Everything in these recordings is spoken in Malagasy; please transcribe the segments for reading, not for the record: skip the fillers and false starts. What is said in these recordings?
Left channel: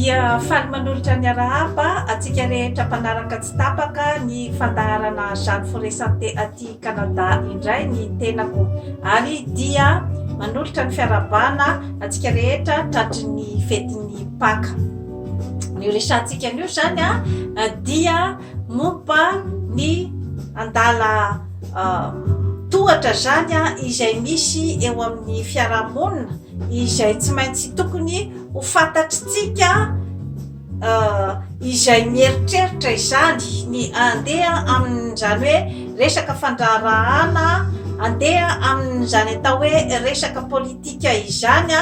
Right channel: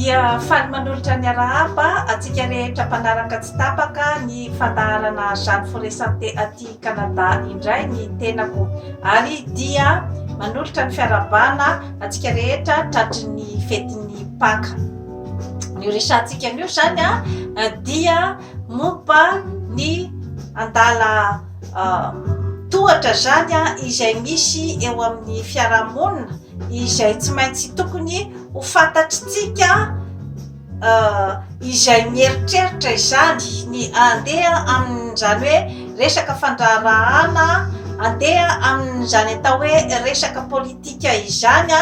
dia faly manolotra ny arahaba atsika rehetra mpanaraka tsy tapaka ny fandaharana Jeanne Forest Santé aty Canada indray ny tenako, ary dia manolotra ny fiarabana atsika rehetra tratry ny fetin'ny Paka. Ny resantsika anio zany dia momba ny andala tohatra zany izay misy eo amin'ny fiarahamonina izay tsy maintsy tokony ho fantatritsika izay mieritreritra izany ny andeha amin'izany hoe resaka fandraharahana, andeha amin'izany atao hoe resaka politika izany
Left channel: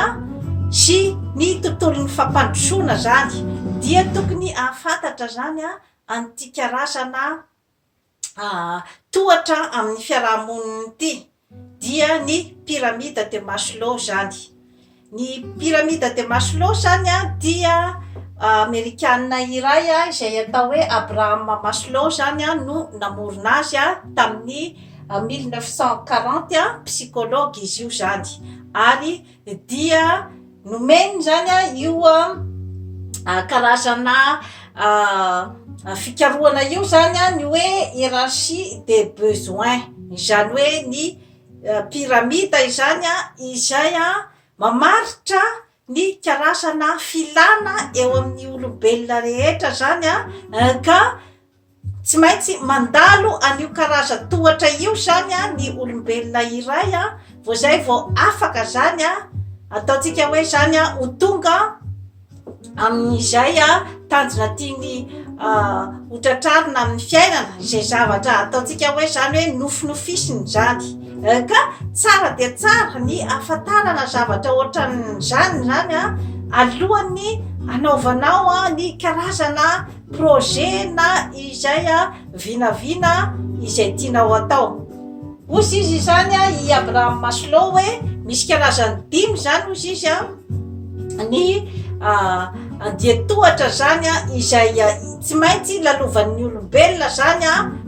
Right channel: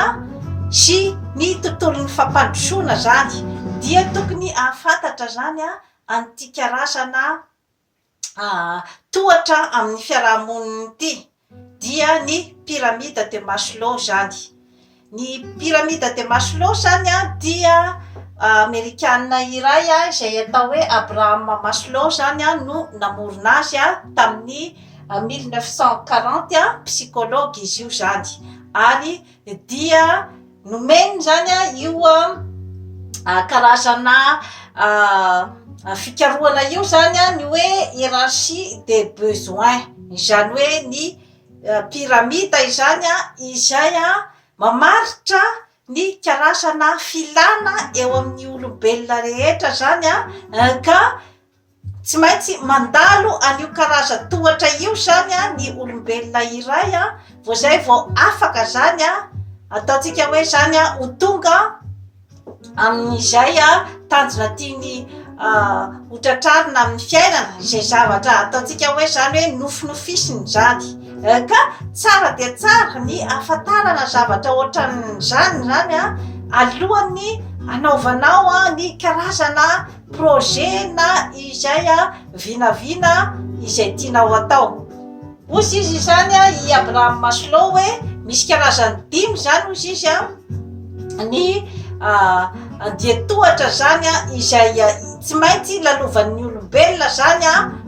sy ny tontolon'ny fampandrosoana zany, dia tokony ahafantatra zany an'ity karazana tohatra amin'ny fiarahamonina ity, dia ny pyramide de Maslow zany. Ny pyramide de Maslow zany dia Amerikanina iray izay atao hoe Abraham Maslow zany no namorona azy tamin'ny 1940 psychologue izy io zany, ary dia nomeny zany io karazana fikarohana io zany ny hoe hiérarchie des besoins, izany hoe ny pyramide izany izay mamaritra ny karazana filana eo amin'ny olombelona rehetra zany ka tsy maintsy mandalo an'io karaza tohatra io zany ny olombelona iray vao zay vao afaka zany ataontsika hoe zany ho tonga amin'izay tanjona tiany hotratrarina amin'ny fiainana, izay zavatra ataontsika hoe zany hoe nofinofisiny zany, ka tsara dia tsara ny ahafantarana zavatra ohatran'izany zany alohan'ny anaovanao ny karazana projet na izay vinavina izay tianao atao. Ozy izy zany i Abraham Maslow hoe misy karazany 5 zany ozy izy ny andiatohatra zany izay tsy maintsy lalovan'ny olombelona zany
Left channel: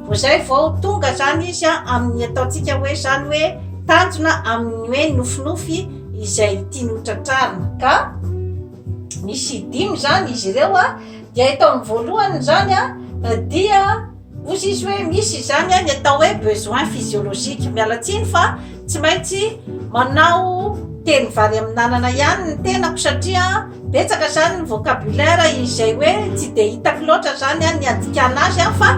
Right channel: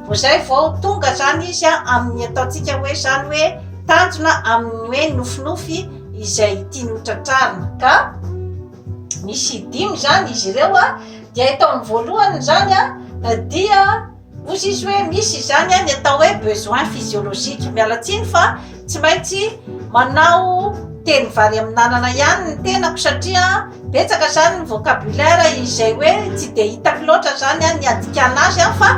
vao zay vao tonga zany izy amin'ny ataontsika hoe zany hoe tanjona amin'ny hoe nofinofy izay tiany hotratrarina. Ka misy 5 zany izy ireo dia ataony voalohany zany dia ozy izy hoe misy zany ny atao hoe besoin physiologique, mialatsiny fa tsy maintsy manao teny vary amin'nanana ihany ny tenako, satria betsaka zany ny vocabulaire izay hoe tsy de hitako loatra zany ny andikana azy fa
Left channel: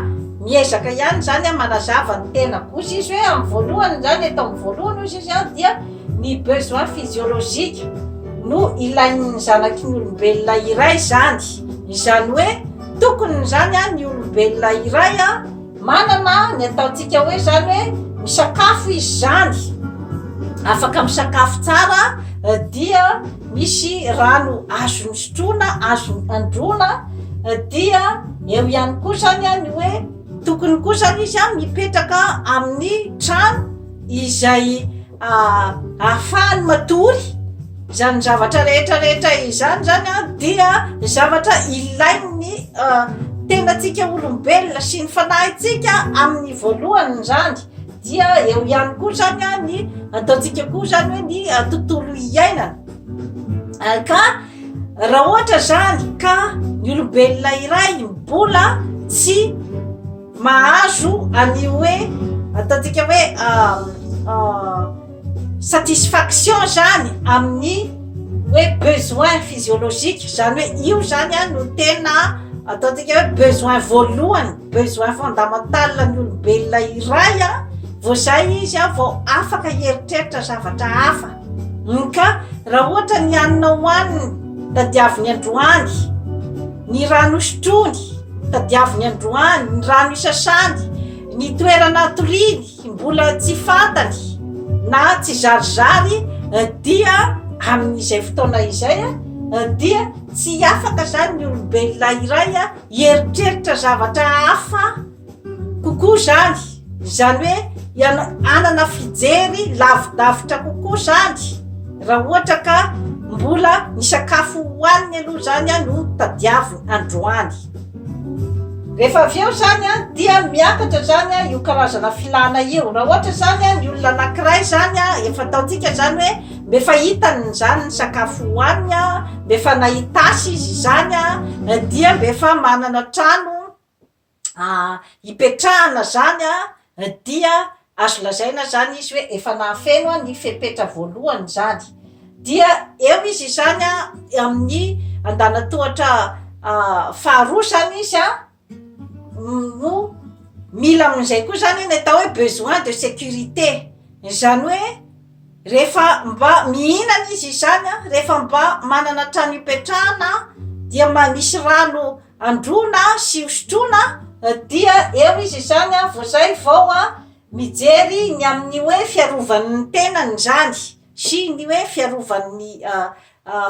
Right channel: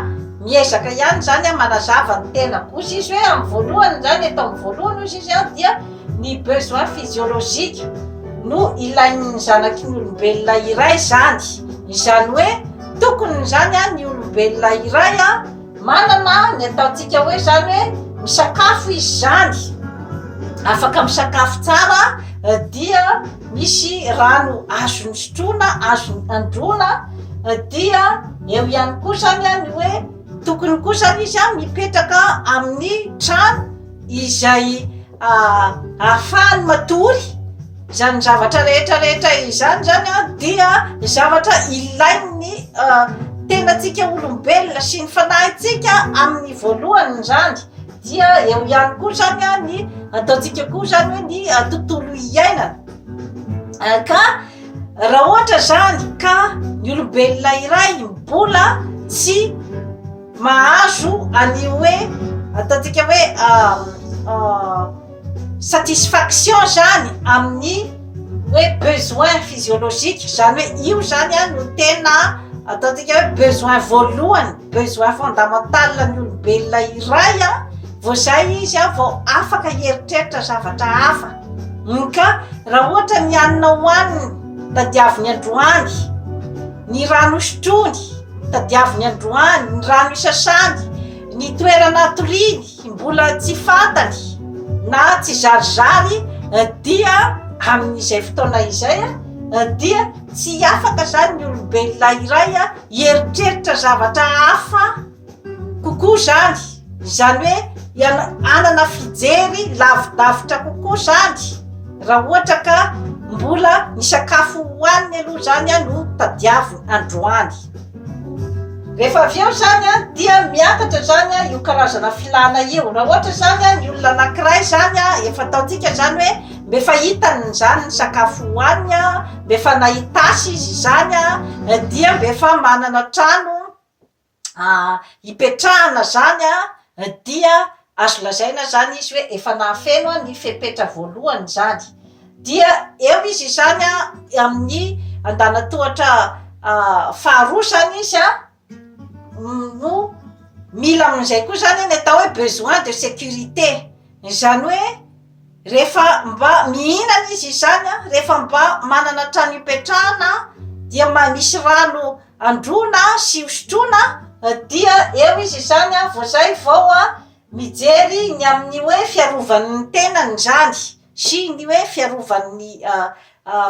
miezaka ihany zany manazava ny tenako. Ozy izy hoe amin'ny voalohany zany, eto amin'ny voalohany ozy izy dia ny besoin physiologique no ilain'ny zanaky ny olombelona iray zany, izany hoe tokony zany ny olombelona iray manana ny ataontsika hoe zany hoe misakafo izy zany, afaka misakafo tsara, dia misy rano azony sotroina, azony androna, dia eo ihany koa zany ny hoe tokony koa zany izy mipetraka amin'ny trano izay ahafahany matory zany zavatra rehetrarehetra izany zany dia zavatra ilain'ny tenatsika olombelona sy ny fanahintsika amin'ny voalohany zany, dia eo ihany koa zany ny ataontsika koa zany hoe ny tontolo iainana. Ka raha ohatra zany ka ny olombelona iray mbola tsy mahazo any hoe ataontsika hoe satisfaction zany amin'ny hoe besoin physiologique, zany hoe io zany no tena ataontsika hoe besoin voalohany, besoin fondamental ny olombelona iray vao zay izy vao afaka hieritreritra zavatra hafa. Ka raha ohatra ny hanina hohaniny tadiaviny androany, ny rano sotrony tadiaviny androany, ny rano isasany, ny toerana atoriany mbola tsy fantany na tsy zarizary, dia amin'izay fotoana izay dia tsy afaka zany ny olombelona iray hieritreritra zavatra hafa kokoa zany, zany hoe anana fijery lavidavitra kokoa zany raha ohatra ka mbola ny sakafo hohaniny aloha zany no tadiaviny androany. Rehefa avy eo zany dia miakatra zany io karazana filana io. Raha ohatra zany ny olona anankiray zany efa ataontsika zany hoe mbe fa hitany zany ny sakafo hoaniny a, mbe fa nahitasy izy zany a, dia mbe fa manana trano hipetrahana zany a, dia azo lazaina zany izy hoe efa nahafeno a ny fepetra voalohany zany. Dia eo izy zany a amin'ny andanatohatra faharoa zany izy a, no mila amin'izay koa zany ny atao hoe besoin de sécurité, zany hoe rehefa mba mihinana izy zany a, rehefa mba manana trano hipetrahana, dia misy rano androna sy hosotrona, dia eo izy zany a vao zay vao a mijery ny amin'ny hoe fiarovan'ny tenany zany sy ny hoe fiarovan'ny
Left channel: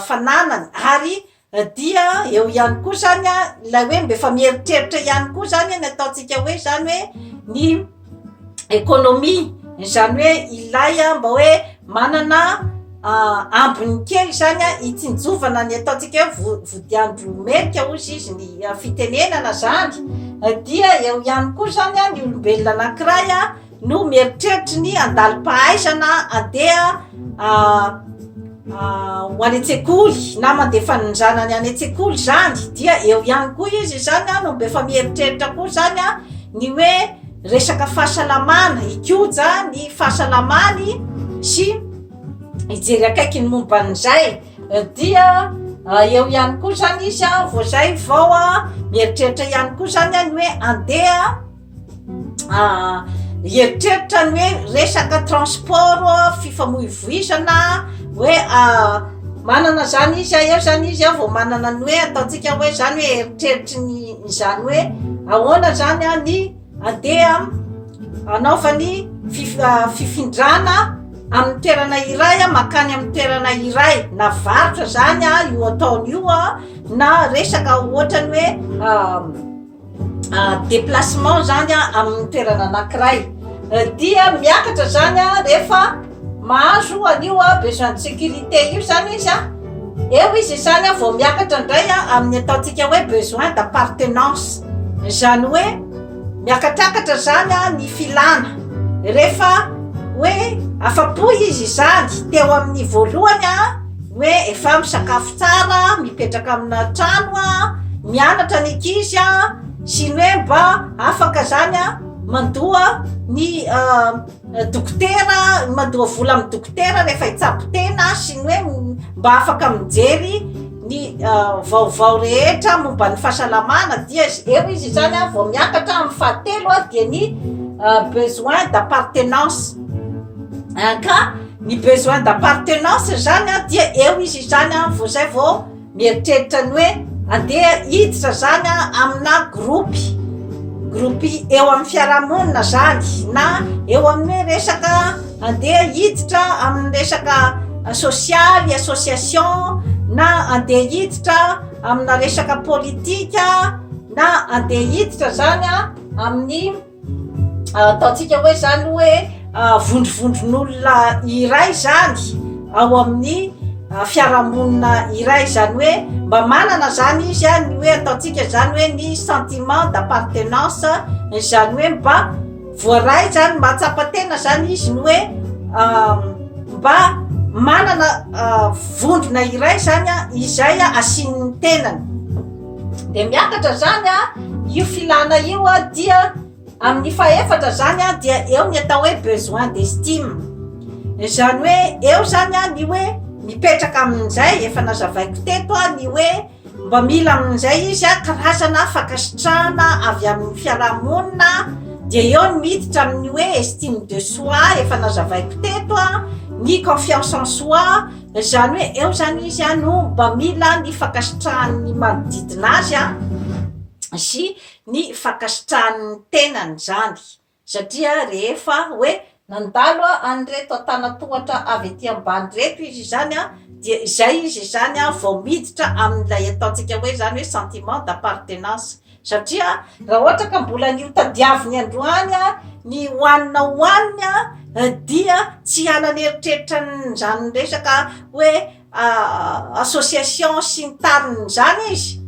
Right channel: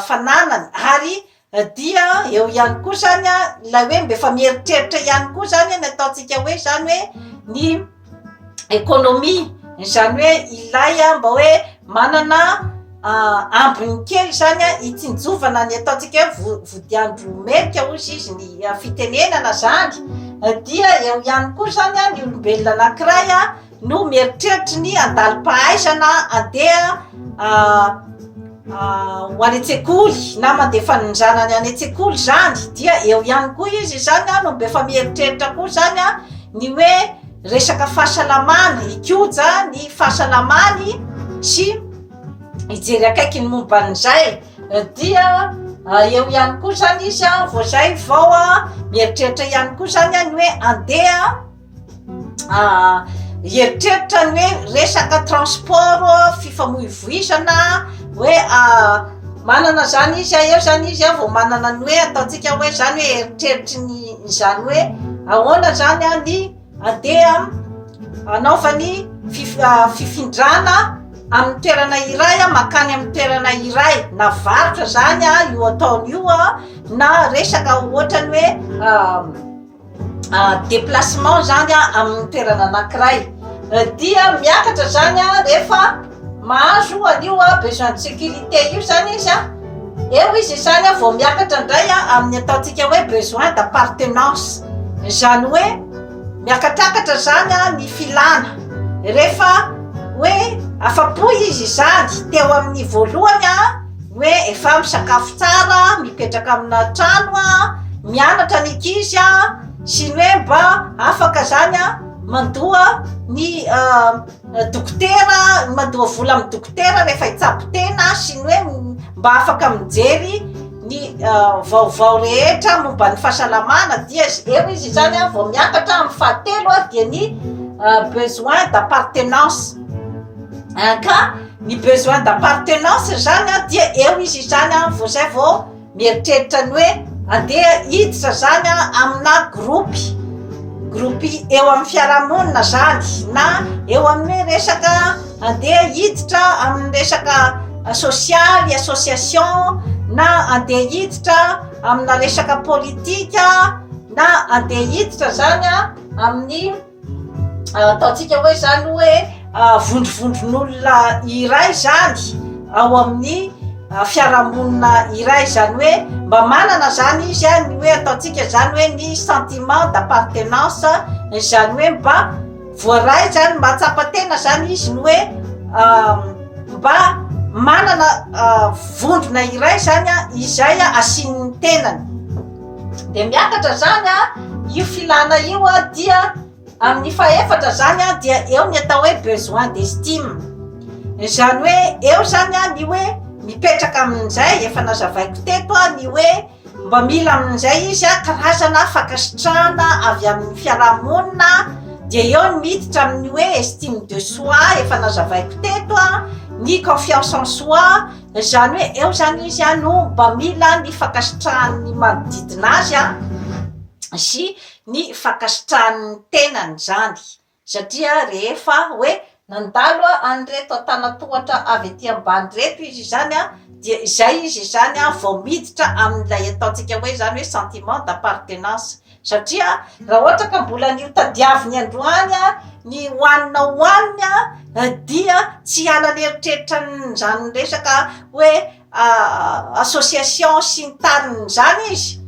fananany. Ary dia eo ihany koa zany a la hoe mbe fa mieritreritra ihany koa zany ny ataontsika hoe zany hoe ny économie, zany hoe ilay a mba hoe manana ambiny kely zany a hitsinjovana ny ataontsika hoe vodiandro merika ozy izy ny fitenenana zany. Dia eo ihany koa zany a ny olombelona anankiray a no mieritreritra ny andalim-pahaizana andeha ho any an-tsekoly na mandeha fanonjanany any an-tsekoly zany. Dia eo ihany koa izy zany a no mbe fa mieritreritra koa zany a ny hoe resaka fahasalamana, hikoja ny fahasalamany sy hijery akaiky ny momban'izay. Dia eo ihany koa zany izy a vao zay vao a mieritreritra ihany koa zany a ny hoe andeha hieritreritra ny hoe resaka transport fifamoivoizana, hoe manana zany izy eo zany izy a vao manana ny hoe ataontsika hoe zany hoe eritreritry ny zany hoe ahoana zany a ny andeha anaovany fifindrana amin'ny toerana iray a makany amin'ny toerana iray, na varotra zany a io ataony io a, na resaka ohatrany hoe déplacement zany a amin'ny toerana anankiray. Dia miakatra zany a rehefa mahazo an'io a besoin de sécurité io zany izy a, eo izy zany a vao miakatra indray a amin'ny ataontsika hoe besoin d'appartenance, zany hoe miakatraakatra zany a ny filana. Rehefa hoe afapo izy zany teo amin'ny voalohany a hoe efa misakafo tsara, mipetraka amina trano a, mianatra ny ankizy a, sy ny hoe mba afaka zany a mandoa ny dokotera, mandoa vola amin'ny dokotera rehefa hitsabo tena, sy ny hoe mba afaka mijery ny vaovao rehetra momba ny fahasalamana. Dia eo izy zany a vao miakatra amin'ny fahatelo a dia ny besoin d'appartenance. Ka ny besoin d'appartenance zany a dia eo izy zany a vao zay vao mieritreritra ny hoe andeha hiditra zany a amina groupy eo amin'ny fiarahamonina zany, na eo amin'ny resaka andeha hiditra amin'ny resaka sosialy, association, na andeha hiditra amina resaka politika, na andeha hiditra zany a amin'ny ataontsika hoe zany hoe vondrovondron'olona iray zany ao amin'ny fiarahamonina iray, zany hoe mba manana zany izy a ny hoe ataontsika zany hoe ny sentiment d'appartenance, zany hoe mba voaray zany mahatsapa tena zany izy ny hoe mba manana vondrona iray zany a izay a asian'ny tenany. De miakatra zany a io filana io a dia amin'ny fahaefatra zany a dia eo ny atao hoe besoin d'estime, zany hoe eo zany a ny hoe mipetraka amin'izay efa nazavaiko teto a ny hoe mba mila amin'izay izy a karazana fankasitrahana avy amin'ny fiarahamonina. Dia eo ny miditra amin'ny hoe estime de soi efa nazavaiko teto a, ny confiance en soi, zany hoe eo zany izy a no mba mila ny fankasitrahan'ny manodidina azy a sy ny fankasitrahan'ny tenany zany. Satria rehefa hoe nandalo an'ireto antanatohatra avy aty ambany reto izy zany a, dia izay izy zany a vao miditra amin'ilay ataontsika hoe zany hoe sentiment d'appartenance. Satria raha ohatra ka mbola nio tadiaviny androany a ny hoanina dia tsy halany eritreritra zany resaka hoe association sy ny tariny zany izy,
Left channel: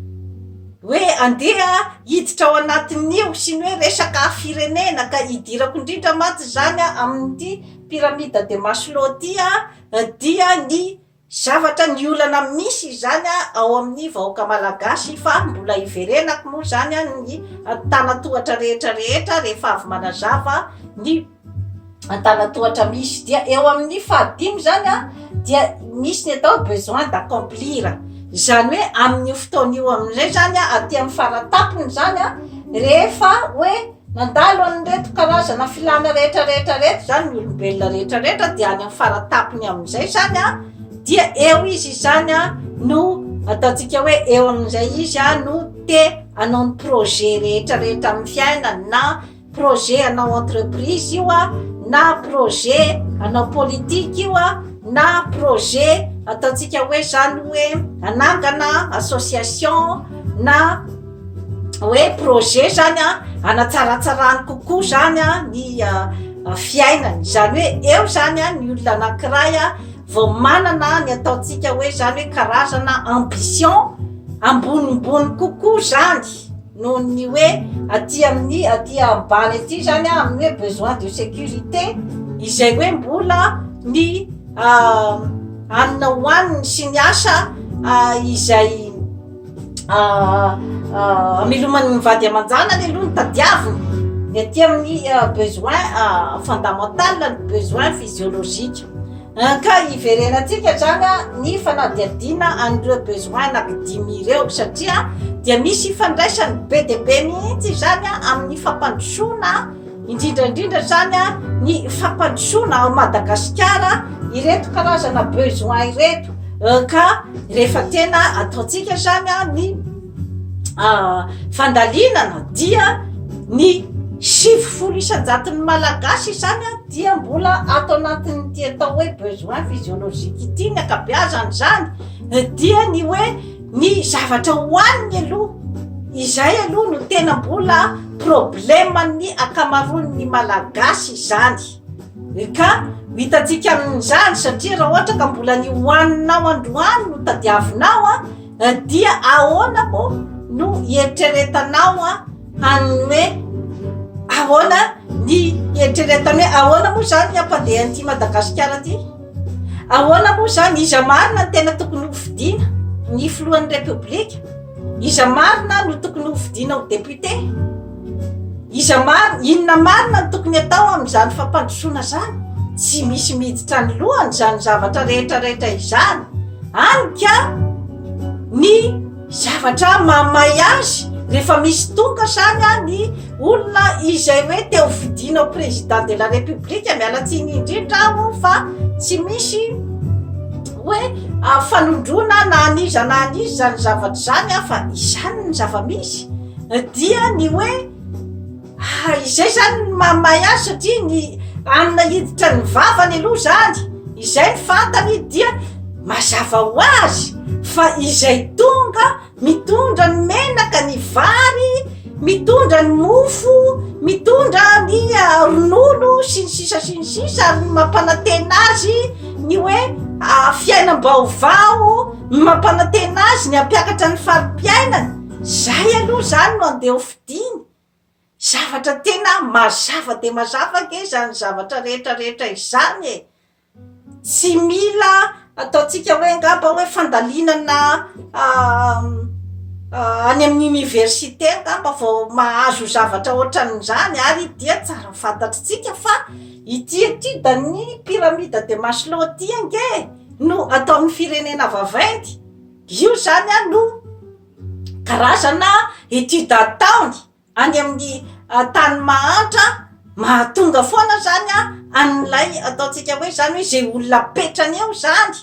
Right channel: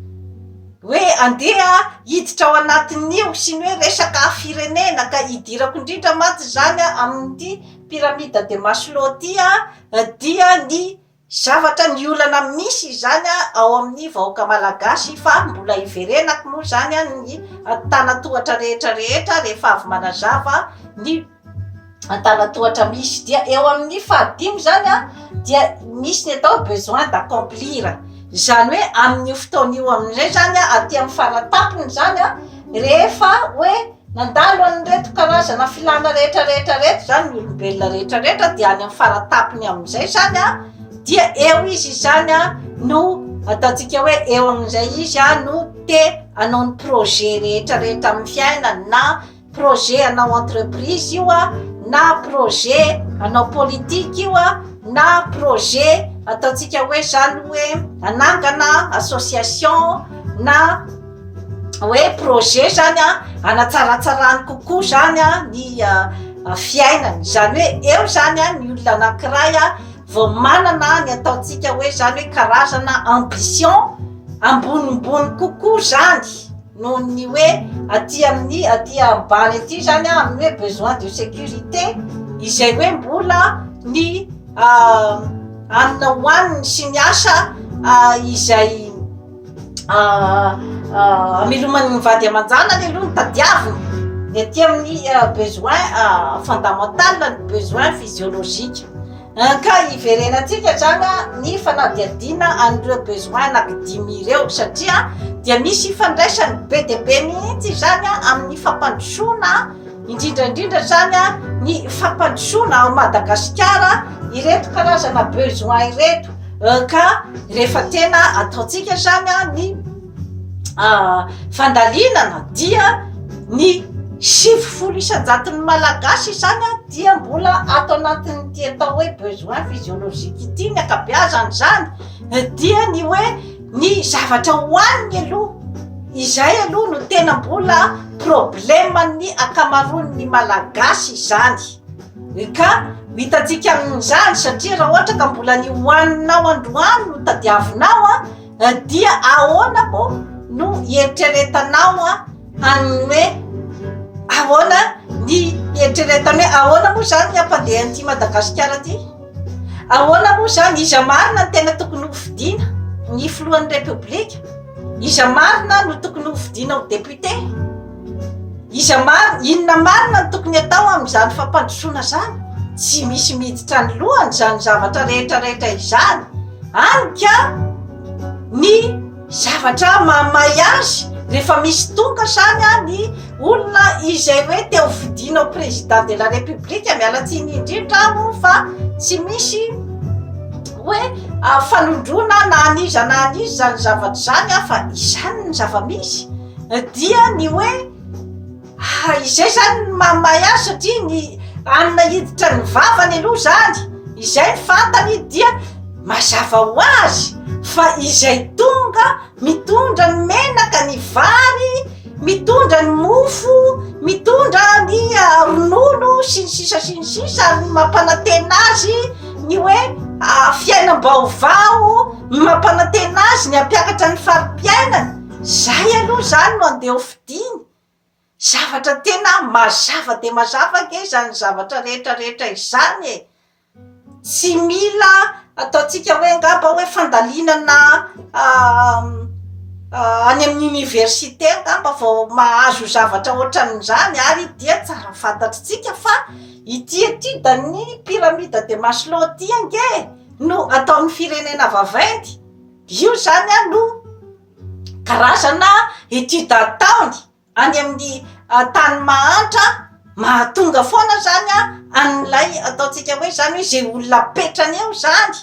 hoe andeha hiditra ao anatin'io sy ny hoe resaka firenena ka hidirako indrindra maty zany amin'ny pyramide de Maslow dia ny zavatra ny olana misy zany ao amin'ny vahoaka malagasy fa mbola iverenako moa zany ny tanatohatra rehetrarehetra rehefa avy manazava ny tanatohatra misy dia eo amin'ny fahadimy zany dia misy ny atao besoin d'accomplir zany hoe amin'ny fotoan'io amin'izay zany aty amin'ny faratapony zany rehefa hoe nandalo an'ireto karazana filana rehetrarehetra zany ny olombelona rehetrarehetra dia any amin'ny faratapony amin'izay zany dia eo izy zany no ataontsika hoe eo amin'izay izy no te hanao ny projet rehetrarehetra amin'ny fiainana na projet hanao entreprise io na projet hanao politique io na projet ataontsika hoe zany hoe hanangana association na hoe projet zany hanatsaratsarany kokoa zany ny fiainany zany hoe eo zany ny olona anankiray vao manana ny ataontsika hoe zany hoe karazana ambition ambonimbony kokoa zany noho ny hoe aty ambany aty zany amin'ny hoe besoin de sécurité izay hoe mbola ny amina hoaniny sy ny asa izay amelomany mivady amanjana ny aloha ny tadiaviny ny aty amin'ny besoin fondamental ny besoin physiologique ka iverenatsika zany ny fanadiadina an'ireo besoin anankidimy ireo satria dia misy ifandraisany be de be mihitsy zany amin'ny fampandrosoana indrindraindrindra zany ny fampandrosoana ao Madagasikara ireto karazana besoin ireto ka rehefa tena ataontsika zany ny fandalinana dia ny 70 isanjaton'ny malagasy zany dia mbola ato anatin'ny ty atao hoe besoin physiologique ity ny akabeazany zany dia ny hoe ny zavatra hoaniny aloha izay aloha no tena mbola problemany akamaroan'ny malagasy zany ka hitatsika amin'izany satria raha ohatra ka mbola ny hoaninao androany no tadiavinao dia ahoana mo no eritreretanao any hoe ahoana ny eritreretany hoe ahoana moa zany ny ampandeha an'ity Madagasikara ty ahoana moa zany iza marina ny tena tokony hofidiana ny filohan'ny republika iza marina no tokony hofidiana ho député inona marina no tokony atao amin'izany fampandrosoana zany tsy misy miditra ny lohany zany zavatra rehetrarehetra izany anika ny zavatra mamay azy rehefa misy tonga zany ny olona izay hoe te hofidiana au président de la république mialatsiny indrindra fa tsy misy hoe fanondrona na aniza zany zavatra zany fa izany ny zava-misy dia ny hoe izay zany mamay azy satria ny amina hiditra ny vavany aloha zany izay ny fantany dia mazava ho azy fa izay tonga mitondra ny menaka ny vary mitondra ny mofo mitondra ny ronono sy ny sisa ary mampanantena azy ny hoe fiainam-baovao mampanantena azy ny ampiakatra ny farim-piainany zay aloha zany no andeha hofidiny zavatra tena mazava de mazava ke zany zavatra rehetrarehetra izany tsy mila ataontsika hoe ngamba hoe fandalinana any amin'ny université ngamba vao mahazo zavatra ohatran'izany ary dia tsara fantatritsika fa ity da ny pyramide de Maslow ty ange no ataon'ny firenena vaventy io zany no karazana étude ataony any amin'ny tany mahantra mahatonga foana zany an'ilay ataontsika hoe zany hoe zay olona petrany eo zany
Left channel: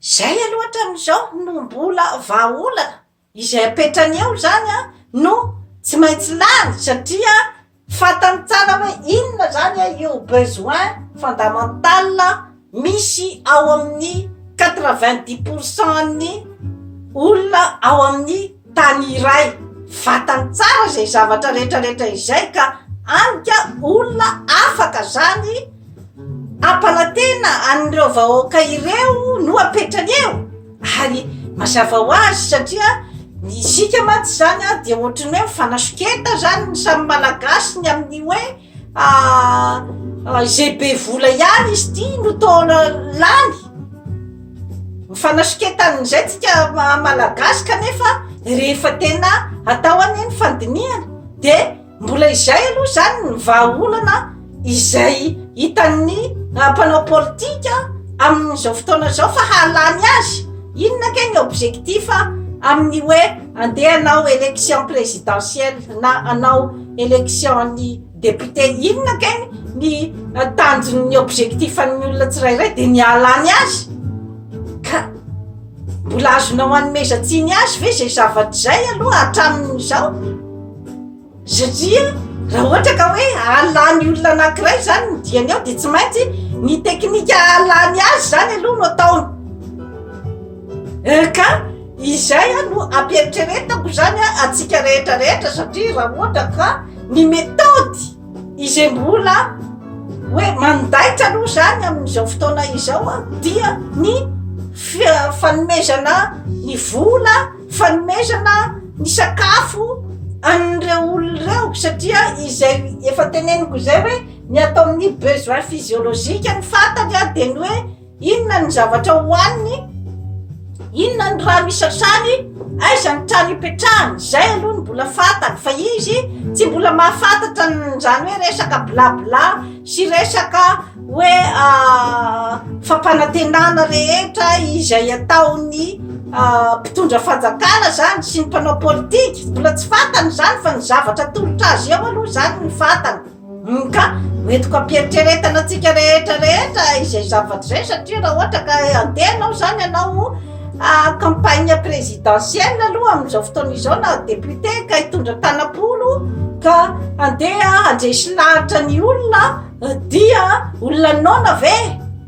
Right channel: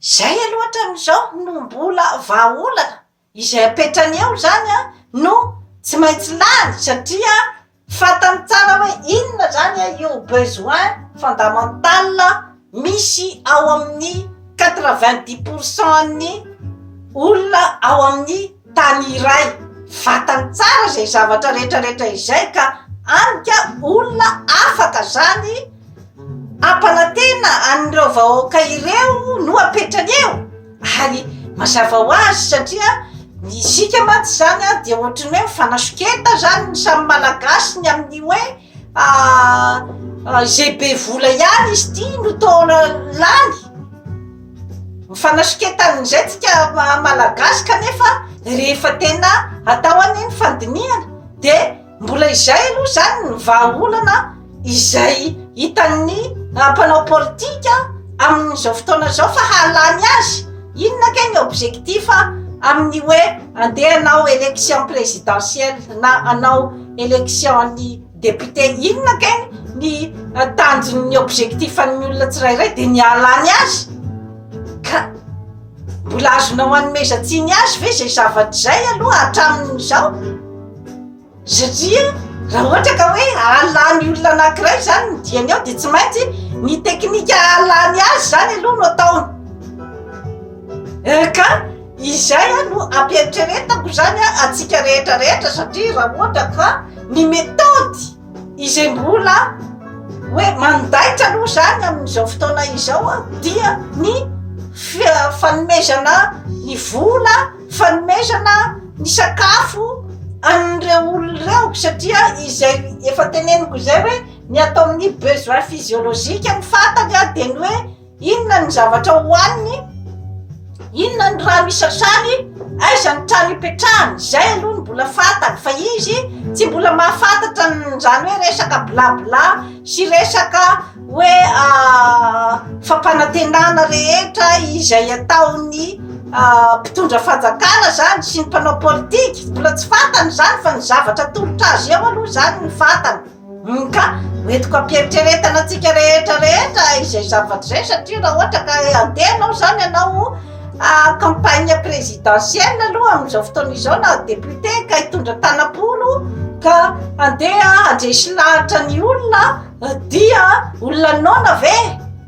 zay aloha hatramin'izao no mbola vahaolana izay apetrany eo zany no tsy maintsy lany satria fatany tsara hoe inona zany io besoin fondamental misy ao amin'ny 90% ny olona ao amin'ny tany iray fatany tsara zay zavatra rehetrarehetra izay ka anika olona afaka zany ampanantena an'ireo vahoaka ireo no apetrany eo ary mazava ho azy satria isika matsy zany a dia ohatrany hoe mifanasoketa zany ny samy malagasy ny amin'ny hoe izay be vola ihany izy ty no taona lany mifanasoketann'izay tsika malagasy kanefa rehefa tena atao any ny fandinihana de mbola izay aloha zany ny vahaolana izay hitan'ny mpanao politika amin'izao fotoana zao fa halany azy inona ke ny objectif amin'ny hoe andeha anao élection présidentielle na anao élection ny député inona ke ny tanjon'ny objectif an'ny olona tsirairay de ny halany azy ka mbola azonao anomezantsiny azy ve zay zavatra zay aloha hatramin'izao satria raha ohatra ka hoe halany olona anankiray zany ny diany ao de tsy maintsy ny teknika halany azy zany aloha no ataony ka izay no ampieritrretako zany atsika rehetrarehetra satria raha ohatra ka ny metody izay mbola hoe mandaitra aloha zany amin'izao fotoana izao dia ny fanomezana ny vola fanomezana ny sakafo an'ireo olon'ireo satria izay efa teneniko izay hoe ny atao amin'ny besoin physiologika ny fantany de ny hoe inona ny zavatra hohaniny inona ny raha misasany aiza ny trano ipetrahany zay aloha ny mbola fantany fa izy tsy mbola mahafantatra zany hoe resaka blabla sy resaka hoe fampanantenana rehetra izay ataony mpitondra fanjakana zany sy ny mpanao politika mbola tsy fantany zany fa ny zavatra tolotra azy eo aloha zany ny fantany ka hoentiko ampieritrretana atsika rehetrarehetra izay zavatra zay satria raha ohatra ka andehanao zany anao campagne présidentielle aloha amin'izao fotoana izao na député ka hitondra tanapolo ka andeha andresy lahatra ny olona dia olona nona ve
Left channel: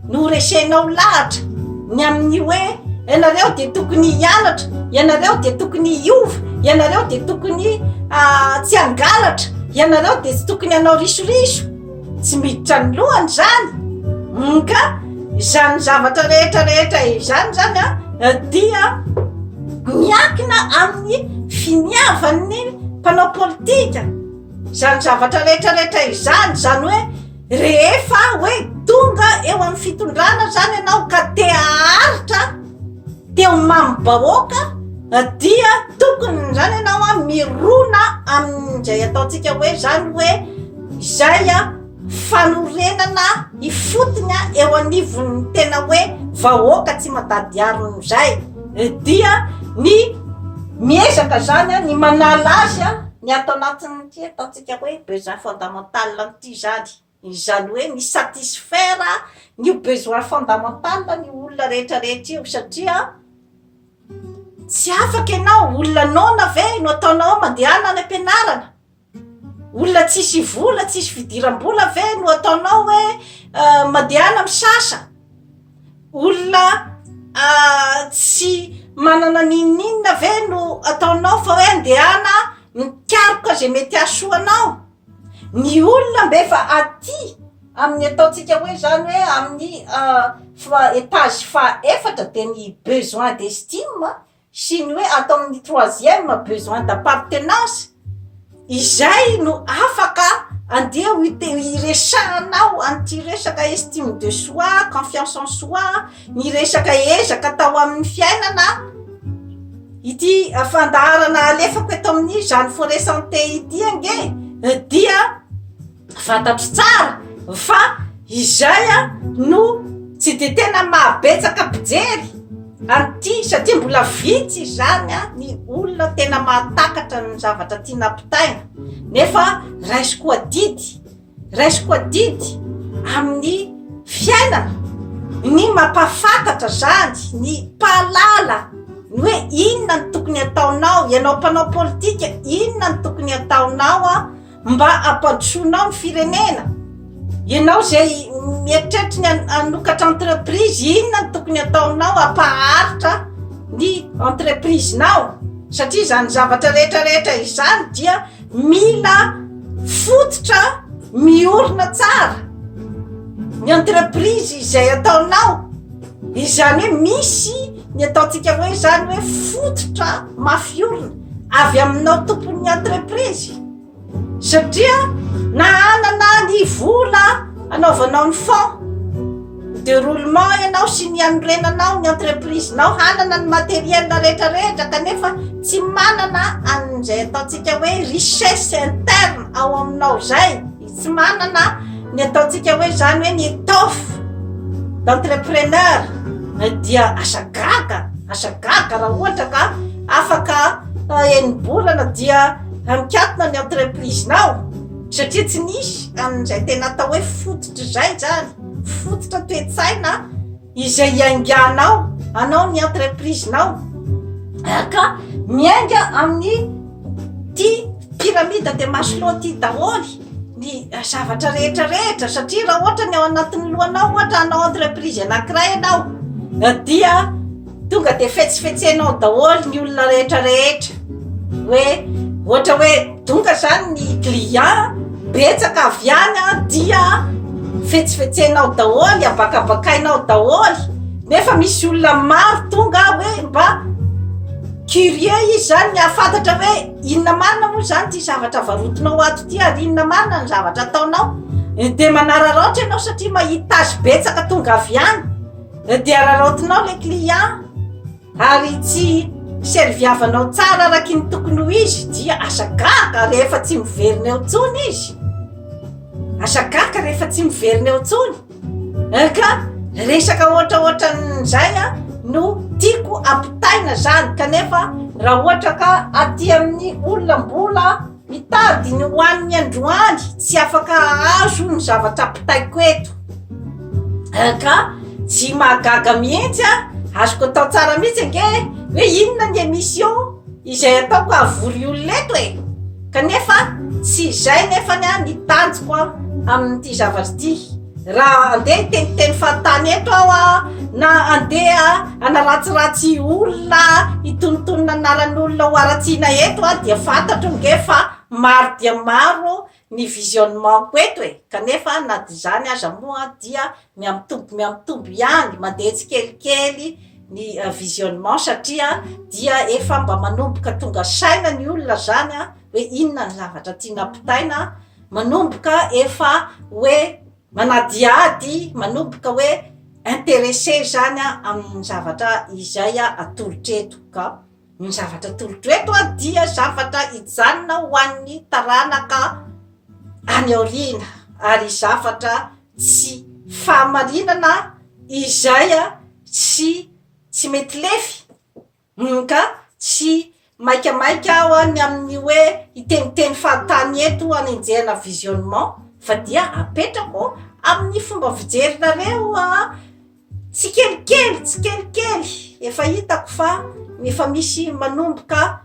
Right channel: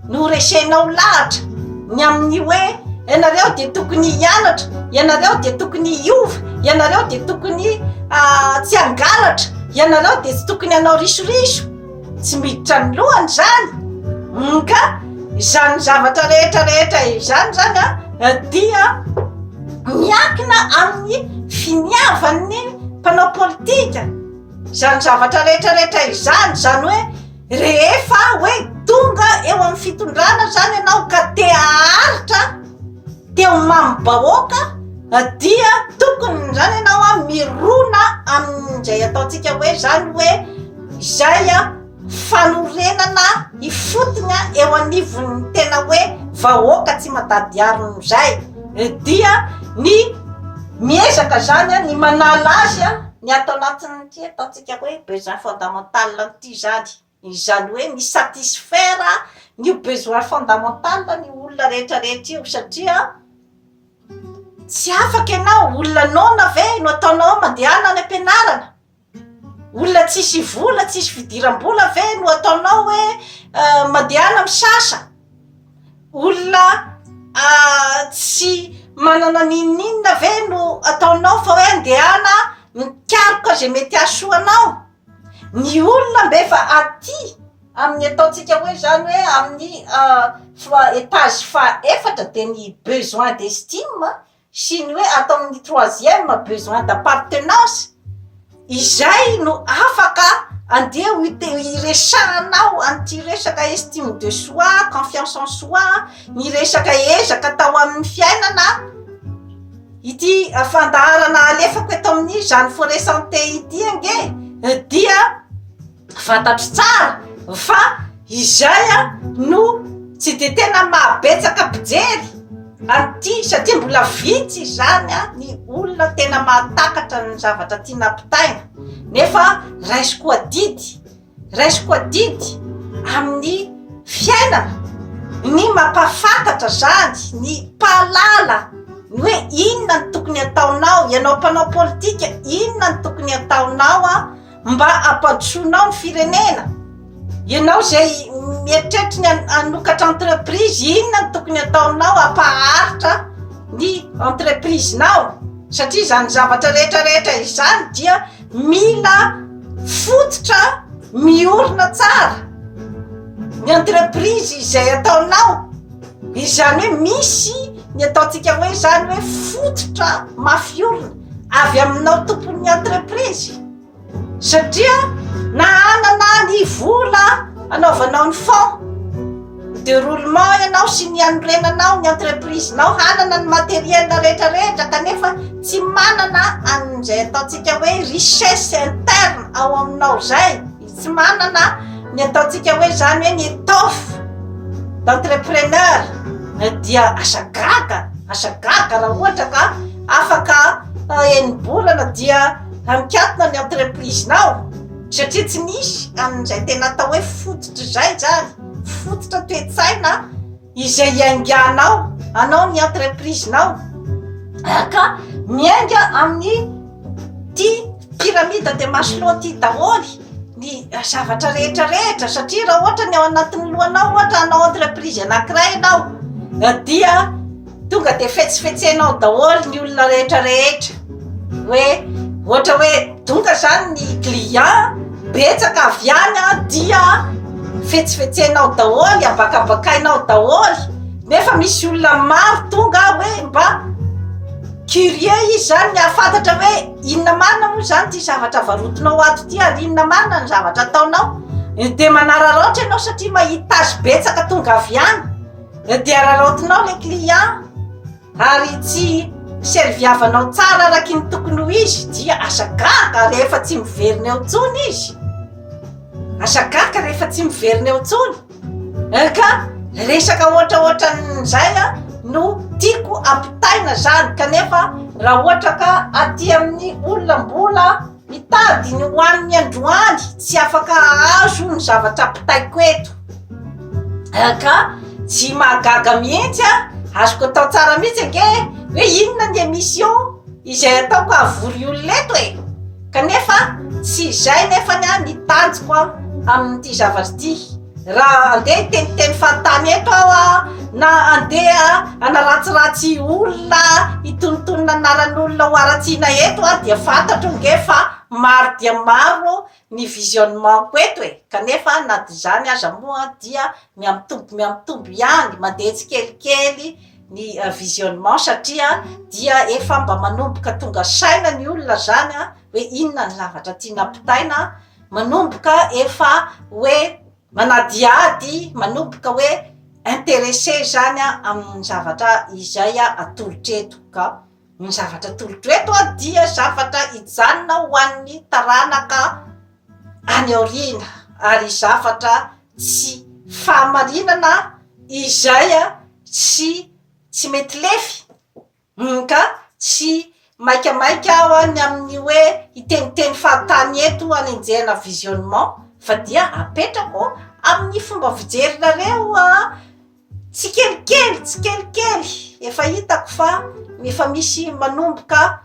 no resenao lahatra ny amin'ny hoe ianareo de tokony hianatra ianareo de tokony hiova ianareo de tokony tsy angalatra ianareo de tsy tokony anao risoriso tsy miditra ny lohany zany ka izany zavatra rehetrarehetra izany zany dia miakina amin'ny finiavan'ny mpanao politika zany zavatra rehetrarehetra izany zany hoe rehefa hoe tonga eo amin'ny fitondrana zany ianao ka te haharitra teo mamim-bahoaka dia tokony zany ianao mirona amin'izay ataontsika hoe zany hoe izay fanorenana ifotony eo anivon'ny tena hoe vahoaka tsy madady arino zay dia ny miezaka zany ny manala azy ny atao anatin'ny ty ataontsika hoe besoin fondamental ty zany izany hoe mi satisfaire ny besoin fondamental ny olona rehetrarehetra io satria tsy afaka ianao olona nona ve no ataonao mandehana any ampianarana olona tsisy vola tsisy fidiram-bola ve no ataonao hoe mandehana misasa olona tsy manana ninninna ve no ataonao fa hoe andehana mikaroka zay mety asoanao ny olona mbefa aty amin'ny ataontsika hoe zany hoe amin'ny étage faefatra de ny besoin d'estime sy ny hoe atao amin'ny troisième besoin d'appartenance izay no afaka andeha iresahanao anty resaka estime de soi confiance en soi ny resaka ezaka atao amin'ny fiainana ity fandaharana alefako eto amin'ny zany forêt santé ity ange dia fantatro tsara fa izay no tsy de tena mahabetsaka mpijery anty satria mbola vitsy zany ny olona tena mahatakatra ny zavatra tiana ampitaina nefa raisiko adidy amin'ny fiainana ny mampafantatra zany ny pahalala ny hoe inona ny tokony ataonao ianao mpanao politika inona ny tokony ataonao mba ampandrosoanao ny firenena ianao zay mieritreritra ny anokatra entreprise inona ny tokony ataonao ampaharitra ny entreprise-nao satria zany zavatra rehetrarehetra izany dia mila fototra miorina tsara ny entreprise izay ataonao izany hoe misy ny ataontsika hoe zany hoe fototra mafiolona avy aminao tompon'ny entreprise satria na anana ny vola anaovanao ny fond de roulement ianao sy ny anorenanao ny entreprise nao hanana ny materiel rehetrarehetra kanefa tsy manana an'izay ataontsika hoe richesse interne ao aminao zay tsy manana ny ataontsika hoe zany hoe ny étoffe d'entrepreneur dia asagaga raha ohatra ka afaka enibolana dia amikatona ny entreprise nao satria tsy nisy an'izay tena atao hoe fototra zay zany fototra toetsaina izay iainganao anao ny entreprise nao ka miainga amin'ny ty pyramide de Maslow ty daholy ny zavatra rehetrarehetra satria raha ohatra ny ao anatin'ny lohanao ohatra anao entreprise anankiray anao dia tonga de fetsifetsenao daholy ny olona rehetrarehetra hoe ohatra hoe tonga zany ny client betsaka avy any dia fetsifetsenao daholy abakabakainao daholy nefa misy olona maro tonga hoe mba curieux izy zany ny ahafantatra hoe inona manina moa zany ty zavatra varotinao ato ty ary inona manina ny zavatra ataonao de manararaotra ianao satria mahita azy betsaka tonga avy any de araraotinao le client ary tsy serviavanao tsara araky ny tokony ho izy dia asagaga rehefa tsy miverina eo tsony izy asagaga rehefa tsy miverina eo tsony ka resaka ohatraohatran'izay no tiako ampitaina zany kanefa raha ohatra ka aty amin'ny olona mbola mitady ny hoan'ny androany tsy afaka azo ny zavatra ampitaiko eto ka tsy mahagaga mihitsy azoko atao tsara mihitsy ange hoe inona ny émission izay ataoko avory olona eto kanefa tsy izay nefany ny tanjoko amin'ity zavatra ty raha andeha iteniteny fahatany eto aho na andeha anaratsiratsy olona itonontonona anaran'olona ho aratsiana eto dia fantatro nge fa maro dia maro ny visionnement ko eto kanefa na dy zany aza moa dia miamitombo ihany mandeha tsikelikely ny visionnement satria dia efa mba manomboka tonga saina ny olona zany hoe inona ny zavatra tiana ampitaina manomboka efa hoe manadiady manomboka hoe intéressé zany amin'ny zavatra izay atolotreto ka ny zavatra atolotreto dia zavatra ijanona ho an'ny taranaka any aoriana ary zavatra tsy fahamarinana izay tsy mety lefy ka tsy maikamaika aho any amin'ny hoe iteniteny fahatany eto anenjehana visionnement fa dia apetrako amin'ny fomba fijerinareo tsikelikely efa hitako fa efa misy manomboka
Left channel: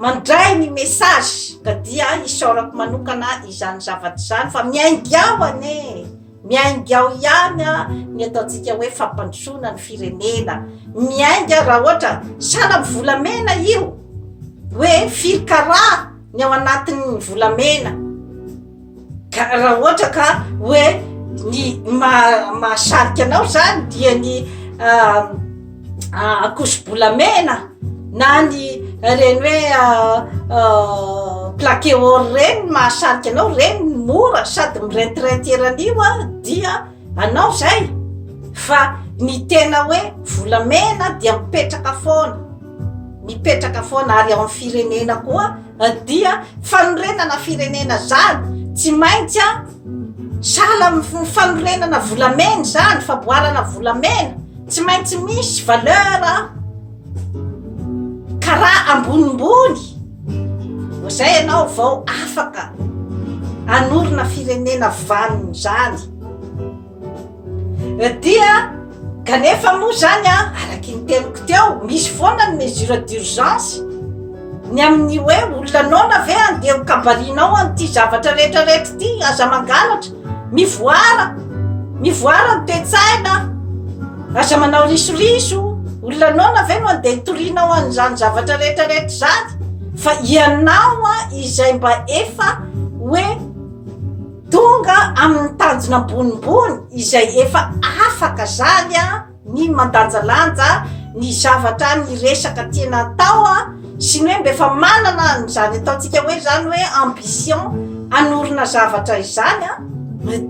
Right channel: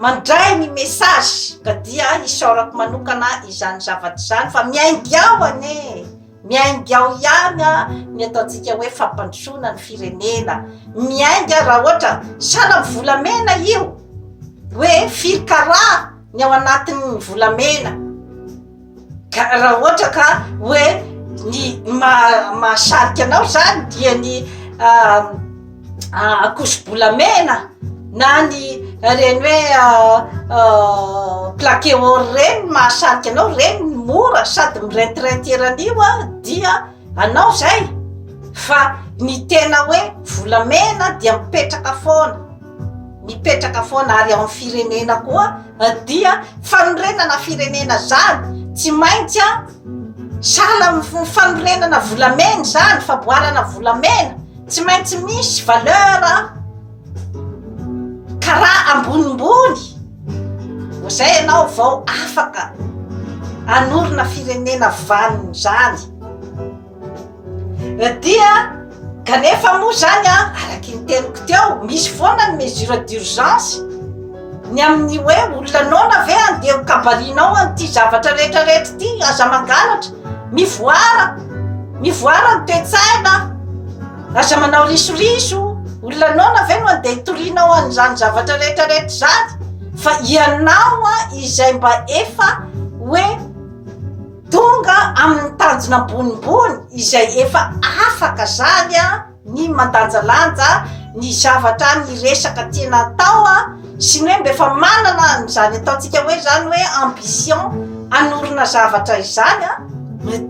mandray ny message ka dia isaorako manokana izany zavatra zany fa miaingy ao miaingy ao ihany ny ataontsika hoe fampandrosoana ny firenena miainga raha ohatra sala volamena io hoe firy karaha ny ao anatin'ny volamena raha ohatra ka hoe ny mahasarika anao zany dia ny akoso-bolamena na ny reny hoe plaqué or reny mahasarika anao reny mora sady mirentirentiran'io dia anao zay fa ny tena hoe volamena dia mipetraka foana ary ao amin'ny firenena koa dia fanorenana firenena zany tsy maintsy sala fanorenana volamena zany faboarana volamena tsy maintsy misy valeur karaha ambonimbony zay ianao vao afaka anorina firenena vaniny zany dia kanefa moa zany araky ny teniko teo misy foana ny mesure d'urgence ny amin'ny hoe olona nona ve andeha kabarinao an'ity zavatra rehetrarehetra ty aza mangalatra mivoara ny toetsaina aza manao risoriso olona nona ve no andeha hitorinao an'izany zavatra rehetrarehetra zany fa ianao izay mba efa hoe tonga amin'ny tanjona ambonimbony izay efa afaka zany ny mandanjalanja ny zavatra ny resaka tena atao sy ny hoe mba efa manana zany ataontsika hoe zany hoe ambition anorina zavatra izany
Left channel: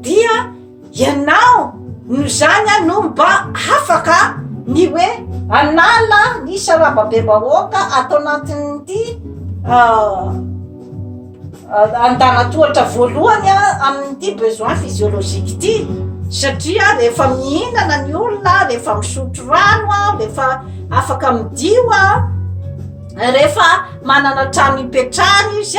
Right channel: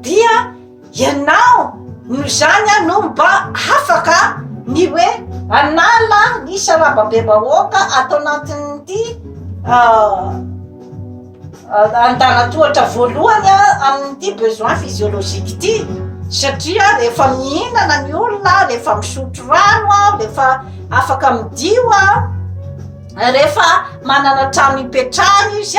dia ianao no zany no mba afaka ny hoe anala ny sarababem-bahoaka atao anatin'ity andanatohatra voalohany amin'ity besoin physiologique ity satria rehefa mihinana ny olona rehefa misotro rano rehefa afaka midio rehefa manana trano ipetrahany izy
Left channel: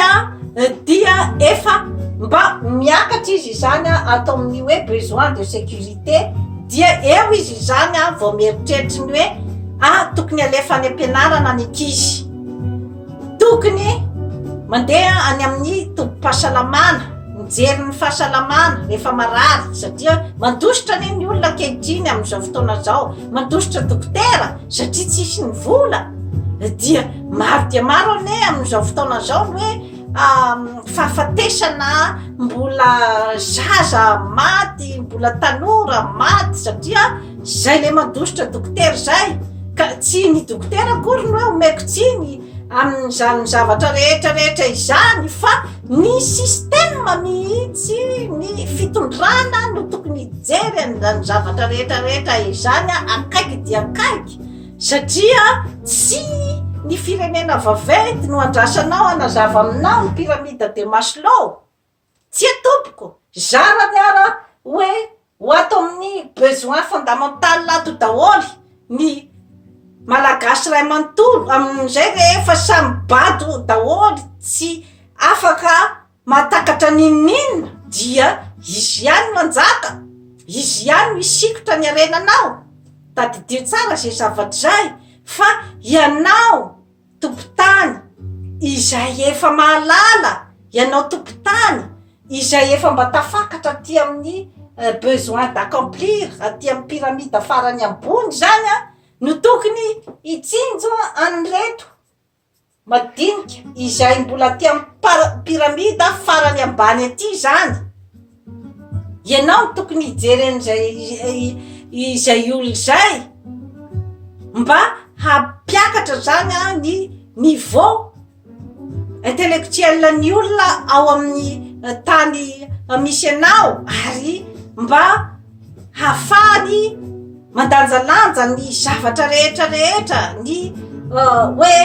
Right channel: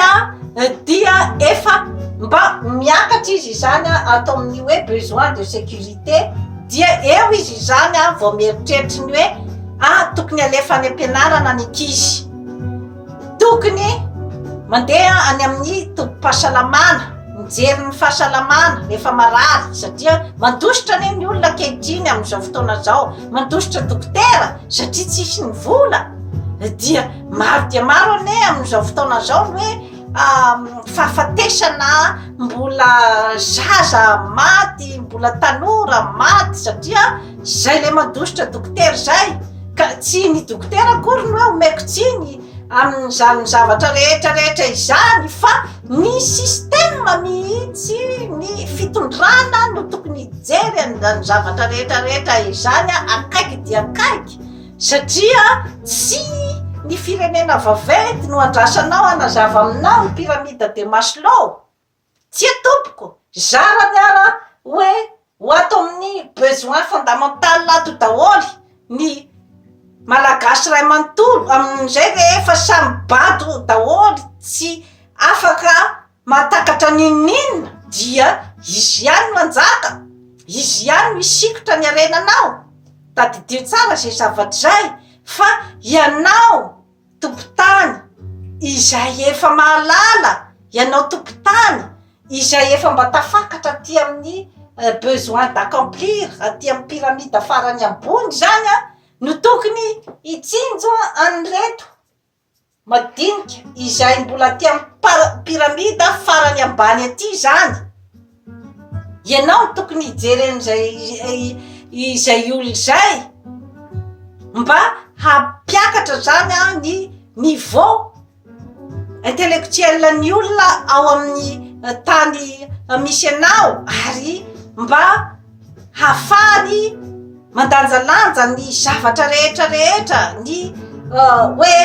dia efa mba miakatra izy zany atao amin'ny hoe besoin de sécurité dia eo izy zany vao mieritreritra ny hoe tokony alefa any ampianarana ny ankizy tokony mandeha any amin'ny tombom-pahasalamana mijery ny fahasalamana rehefa marary satria mandositra ane ny olona ankehitriny amin'izao fotoana zao mandositra dokotera satria tsisy ny vola dia maro dia maro ane amin'izao fotoana zao ny hoe fahafatesana mbola zaza maty mbola tanora maty satria zay le mandositra dokotera zay ka tsy ny dokotera akory ny hoe omeko tsiny amin'izany zavatra rehetrarehetra izany fa ny sistema mihitsy ny fitondrana no tokony hijery any zavatra rehetrarehetra izany akaiky dia akaiky satria tsy ny firenena vaventy no andrasanao anazava aminao ny pyramide de Maslow tsy atompoko zarany ara hoe ho ato amin'ny besoin fondamental ato daholy ny malagasy ray manontolo amin'izay rehefa samy bado daholy tsy afaka mahatakatra ninina dia izy ihany no anjaka izy ihany misikotra ny arenanao tadidio tsara zay zavatra zay fa ianao tompotany izay efa mahalala ianao tompotany izay efa mba tafakatra aty amin'ny besoin d'accomplir aty amin'ny pyramide farany ambony zany no tokony itsinjo anreto madinika izay mbola aty amin'ny pyramide farany ambany aty zany ianao no tokony hijery an'izay izay olo zay mba hampiakatra zany ny niveau intellectuel ny olona ao amin'ny tany misy anao ary mba hafahany mandanjalanja ny zavatra rehetrarehetra ny hoe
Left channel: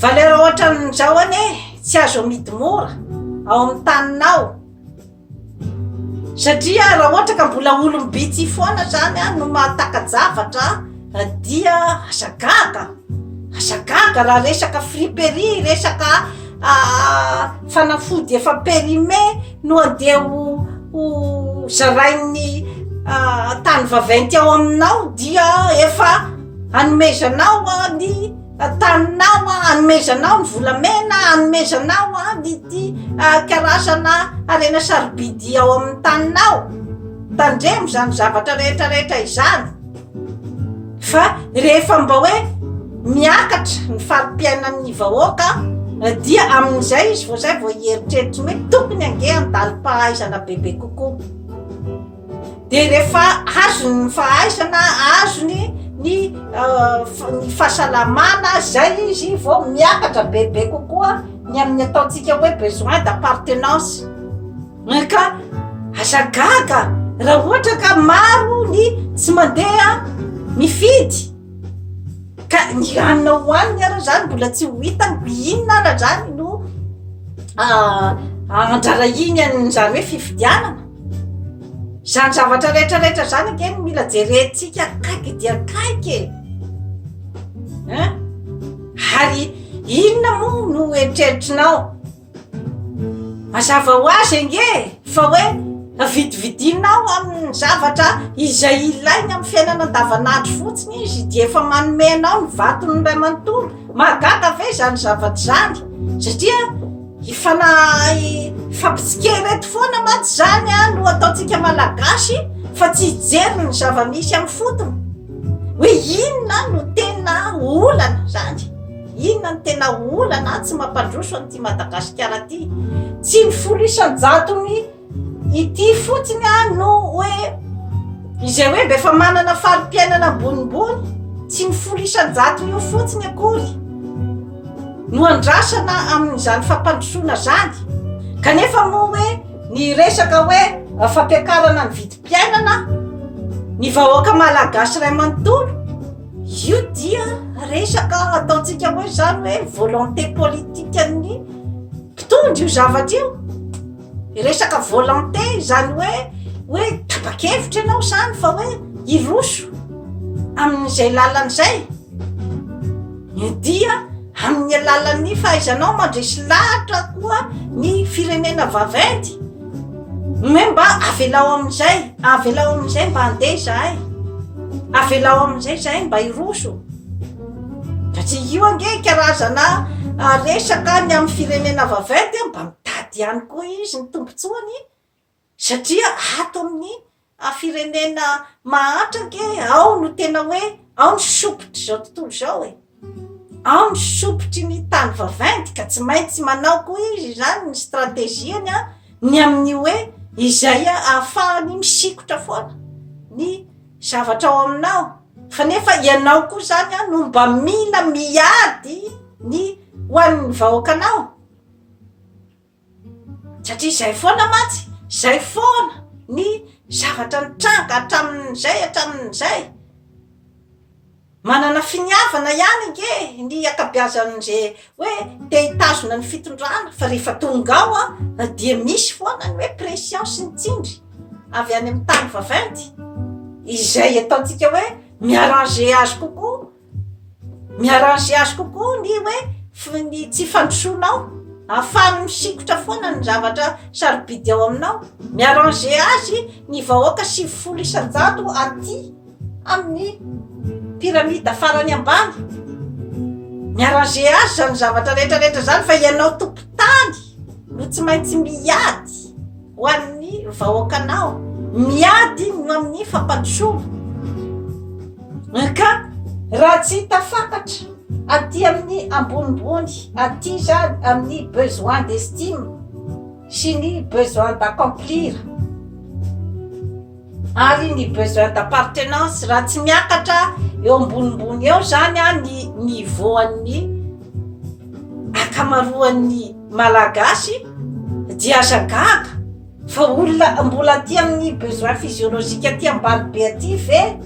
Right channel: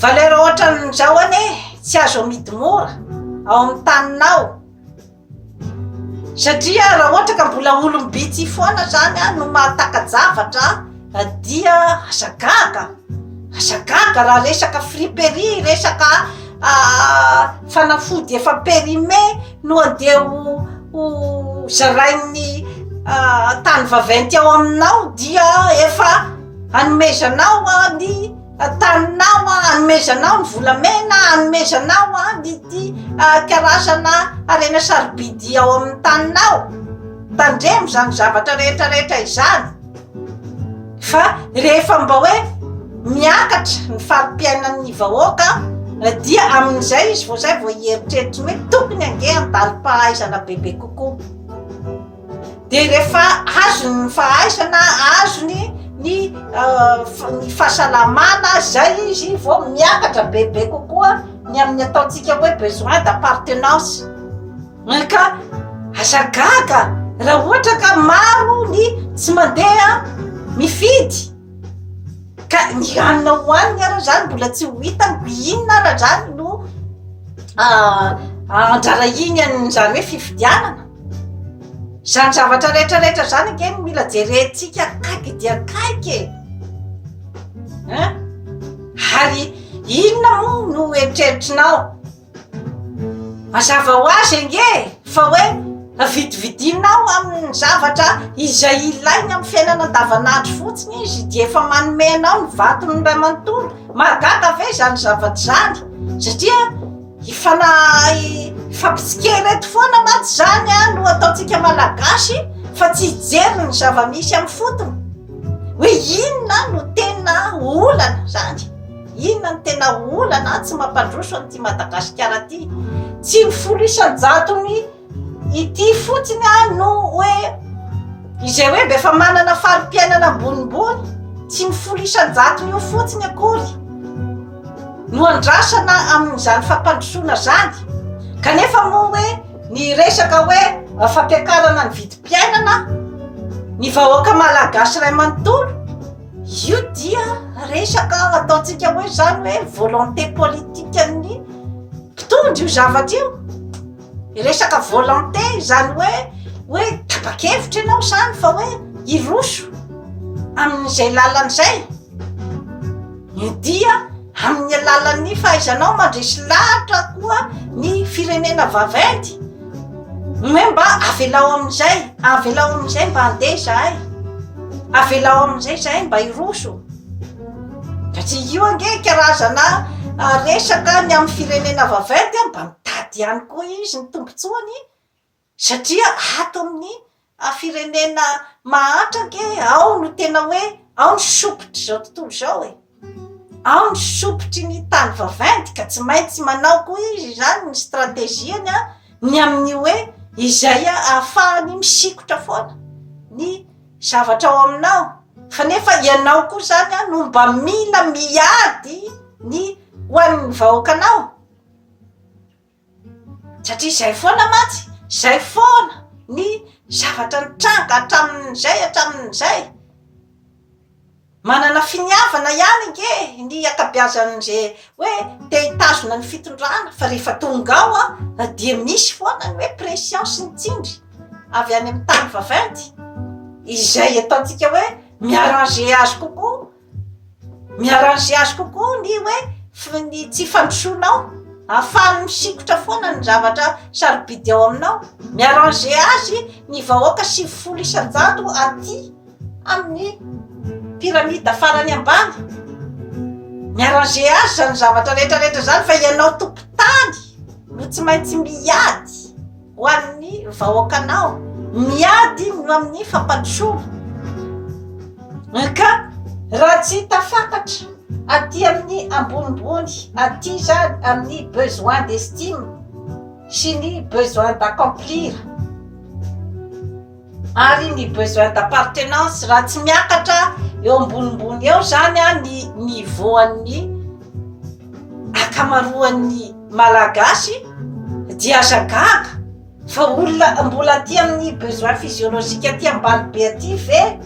valeur ohatran'izao ane tsy azo amidy mora ao amin'ny taninao satria raha ohatra ka mbola olombitsy foana zany no mahatakajavatra dia asagaga raha resaka friperie resaka fanafody efa périmé no andeha ho zarain'ny tany vaventy ao aminao dia efa hanomezanao ny taninao hanomezanao ny volamena hanomezanao ny karazana arena sarobidy ao amin'ny taninao tandremo zany zavatra rehetrarehetra izany fa rehefa mba hoe miakatra ny farim-piainan'ny vahoaka dia amin'izay izy vao zay vao hieritreritra hoe tokony ange andalim-pahaizana bebe kokoa de rehefa azony ny fahaizana azony ny fahasalamana zay izy vao miakatra bebe kokoa ny amin'ny ataontsika hoe besoin d'appartenance ka azagaga raha ohatra ka maro ny tsy mandeha mifidy ka ny anina hoaniny ara zany mbola tsy ho hitany inona ara zany no anjara iny an'zany hoe fifidianana zany zavatra rehetrarehetra zany akeny mila jerentsika akaiky dia akaiky ary inona moa no eritreritrinao mazava ho azy ange fa hoe vidividinao amin'ny zavatra izay ilainy amin'ny fiainana andavanandro fotsiny izy dia efa manomenao ny vatony ray manontolo mahagaga ve zany zavatra zany satria fampitsikereto foana mantsy zany no ataontsika malagasy fa tsy hijery ny zava-misy amin'ny fotony hoe inona no tena olana zany inona no tena olana tsy mampandroso an'ity Madagasikara ty tsy ny folo isan-jatony ity fotsiny no hoe izay hoe mba efa manana farim-piainana ambonimbony tsy mifolo isan-jato io fotsiny akory no andrasana amin'izany fampandrosoana zany. Kanefa moa hoe ny resaka hoe fampiakarana ny vidim-piainana ny vahoaka malagasy ray manontolo, io dia resaka ataontsika hoe zany hoe volonté politique ny mpitondra io zavatra io. Resaka volonté zany hoe tapa-kevitra ianao zany fa hoe iroso amin'izay lalan'izay. Io dia amin'ny alalan'ny fahaizanao mandresy lahatra koa ny firenena vaventy hoe mba avelao amin'izay mba handeha zahay, avelao amin'izay zahay mba iroso. Satria io ange karazana resaka ny amin'ny firenena vaventy mba mitady ihany koa izy ny tombotsoany, satria ato amin'ny firenena mahatra ke ao no tena hoe ao ny sopotry zao tontolo zao ao ny sopotry ny tany vaventy ka tsy maintsy manao koa izy zany ny strategiany ny amin'ny hoe izay ahafahany misikotra foana ny zavatra ao aminao. Fa nefa ianao koa zany no mba mila miady ny ho an'ny vahoakanao, satria zay foana matsy, zay foana ny zavatra nitranga hatramin'izay manana finiavana ihany nge ny akabeazan'izay hoe te hitazona ny fitondrana. Fa rehefa tonga ao dia misy foana ny hoe pression sy ny tsindry avy any amin'ny tany vaventy izay ataontsika hoe miarranger azy kokoa ny hoe ny tsy fandrosoanao ahafahany misikotra foana ny zavatra sarobidy ao aminao. Miarranger azy ny vahoaka 70 isan-jato aty amin'ny piramida farany ambany. Miarranger azy zany zavatra rehetrarehetra zany fa ianao tompotany no tsy maintsy miady ho an'ny vahoakanao, miady no amin'ny fampandrosoana. Ka raha tsy tafakatra aty amin'ny ambonimbony aty zany amin'ny besoin d'estime sy ny besoin d'accomplir ary ny besoin d'appartenance, raha tsy miakatra eo ambonimbony eo zany ny niveau an'ny akamaroan'ny malagasy dia azagaga. Fa olona mbola aty amin'ny besoin physiologique aty ambany be aty ve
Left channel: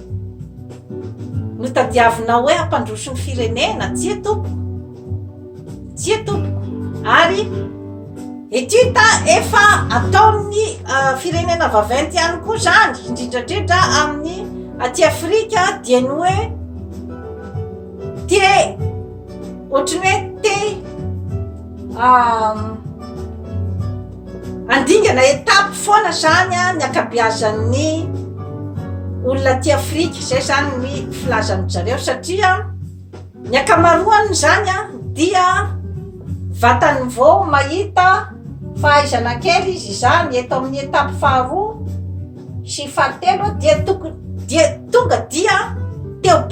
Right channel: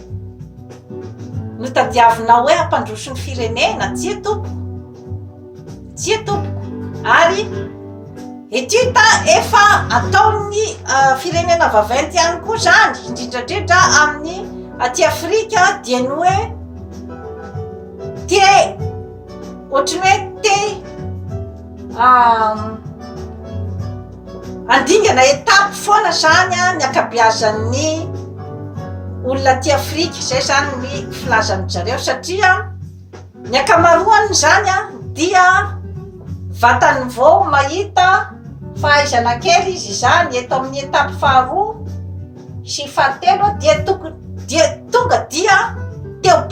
no tadiavinao hoe hampandroso ny firenena? Tsy etompoko. Ary etyta efa ataon'ny firenena vaventy ihany koa zany indrindrandrindra amin'ny aty Afrika dia ny hoe ohatrany hoe andingana etape foana zany ny akabeazan'ny olona aty Afrika. Zay zany ny filazan'ny zareo satria ny akamaroany zany dia vatany vao mahita fahaizana kely izy zany eto amin'ny etape faharoa sy fahatelo dia tonga dia teo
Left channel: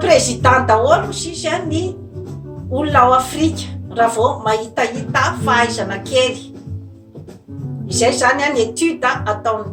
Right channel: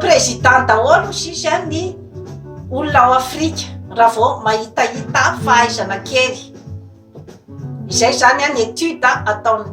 président daholo sisy ny olona ao Afrika raha vao mahitahita fahaizana kely. Izay zany ny etude ataony